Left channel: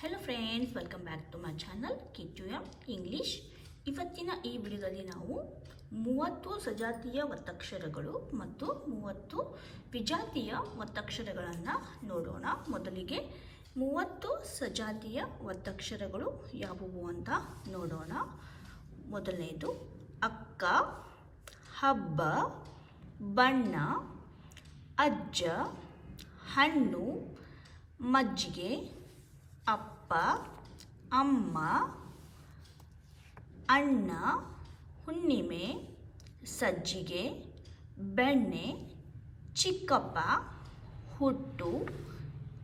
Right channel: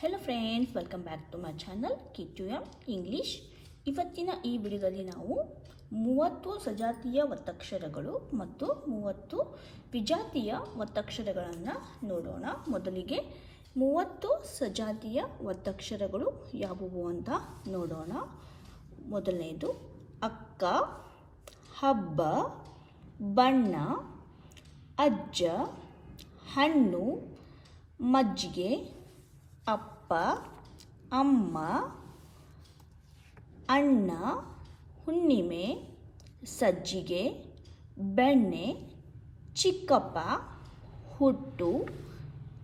Hello friends welcome back to my channel Kichchu M English ಇವತ್ತಿನ ಈ ವಿಡಿಯೋದಲ್ಲಿ ನಾವು ಮೂವತ್ತು ಸಜಾತಿಯ ಒತ್ತಕ್ಷರಗಳು ಮತ್ತು ಮೂವತ್ತು ವಿಜಾತಿಯ ಒತ್ತಕ್ಷರಗಳನ್ನು ನೋಡೋಣ. ಮೊದಲಿಗೆ ಮೂವತ್ತು ಸಜಾತಿಯ ಒತ್ತಕ್ಷರಗಳು ಯಾವುವು ಅಂತ ನೋಡೋಣ. ಮೊದಲನೇದು, ಅಕ್ಕ, ಹಬ್ಬ, ಬಣ್ಣ, ಅಜ್ಜ, ಹಣ್ಣು, ಮಜ್ಜಿಗೆ ಅಪ್ಪ, ಅಮ್ಮ, ಅಣ್ಣ, ಹುಣ್ಣಿಮೆ, ಸಜ್ಜಿಗೆ, ಬೆಣ್ಣೆ, ಚಿಕ್ಕಪ್ಪ, ಹುಟ್ಟು,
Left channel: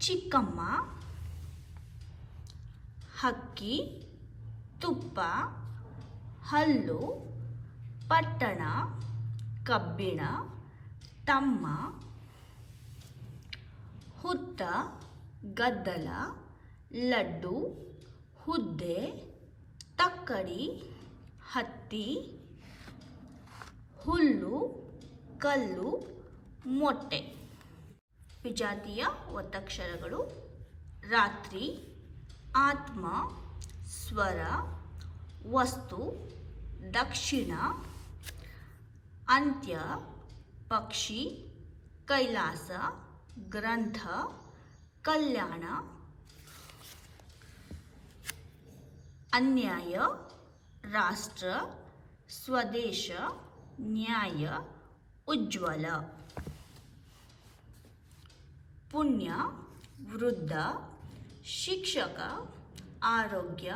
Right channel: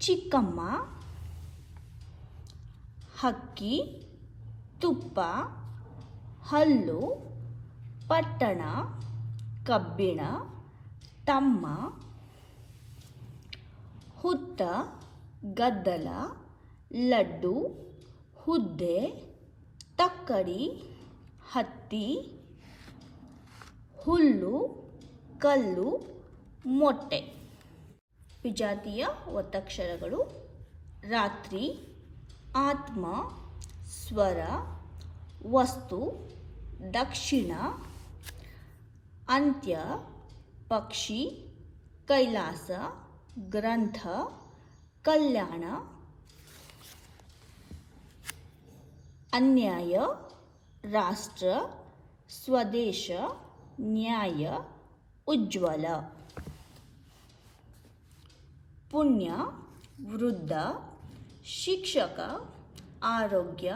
ಚಿಕ್ಕಮ್ಮ ಹಕ್ಕಿ ತುಪ್ಪ, ಹಲ್ಲು, ಪಟ್ಟಣ, ಕಬ್ಬಿಣ, ತಮ್ಮ, ಹುತ್ತ, ಗದ್ದಲ ಲಡ್ಡು, ಹುದ್ದೆ, ತಕ್ಕಡಿ, ಹತ್ತಿ, ಹುಲ್ಲು, ಕಲ್ಲು, ಮೊಟ್ಟೆ. ವಿಜಾತಿಯ ಒತ್ತಕ್ಷರಗಳು ರಾತ್ರಿ, ಆತ್ಮ, ಸ್ವರ, ವಸ್ತು, ದಕ್ಷಿಣ, ಅಂತ್ಯ, ಪಕ್ಷಿ, ಕೈಲಾಸ, ಗ್ರಂಥ, ಕಲ್ಯಾಣ ಅನ್ಯಾಯ ರಾಷ್ಟ್ರ ಸ್ವದೇಶ ನ್ಯಾಯ ಉಜ್ವಲ ಪುಣ್ಯ ವೃದ್ಧ ಶಿಕ್ಷಕ ಆರೋಗ್ಯ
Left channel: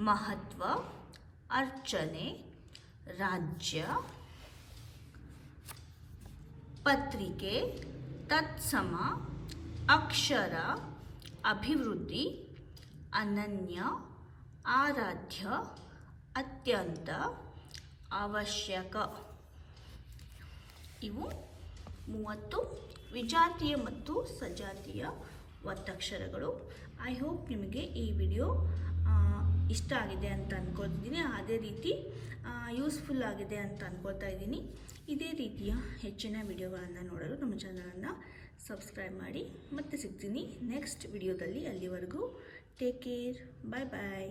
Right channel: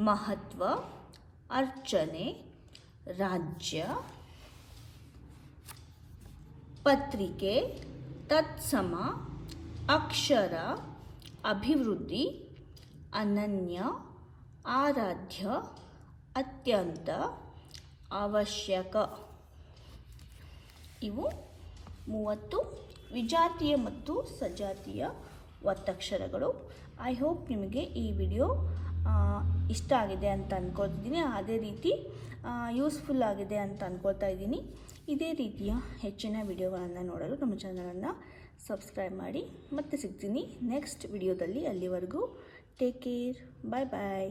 ಮಹತ್ವ ಅರ್ಚನೆ ರಾಜ್ಯ ಪತ್ರಿಕೆ ತತ್ಸಮ ಅಕ್ಷರ ಅಭಿವೃದ್ಧಿ ಅನನ್ಯ ಆರಾಧ್ಯ ಅತ್ಯಂತ ಅವಶ್ಯಕ. ಇವು ಮೂವತ್ತು ವಿಜಾತಿಯ ಮತ್ತು ಸಜಾತಿಯ ಒತ್ತಕ್ಷರಗಳು ಐ ಹೋಪ್ ನಿಮಗೆ ಈ ವಿಡಿಯೋ ಇಷ್ಟ ಆಗಿದೆ ಅಂತ ಅಂದ್ಕೊಳ್ತಿದ್ದೀನಿ ಅದೇ ರೀತಿ ಯೂಸ್ಫುಲ್ ಆಗಿದೆ ಅಂತ ಅಂದ್ಕೊಳ್ತಾ ಇದ್ದೀನಿ. ಇದೇ ರೀತಿಯ ಹೆಚ್ಚಿನ ವಿಡಿಯೋಗಳನ್ನು ನೋಡಲು ನಮ್ಮ ಚಾನಲನ್ನು ಸಬ್ಸ್ಕ್ರೈಬ್ ಮಾಡಿ. ಮತ್ತೆ ಸಿಗ್ತೀನಿ ನೆಕ್ಸ್ಟ್ ವಿಡಿಯೋದಲ್ಲಿ ಅಲ್ಲಿವರೆಗೂ. ಟೇಕ್ ಕೇರ್ ಬಾಯ್ ಬಾಯ್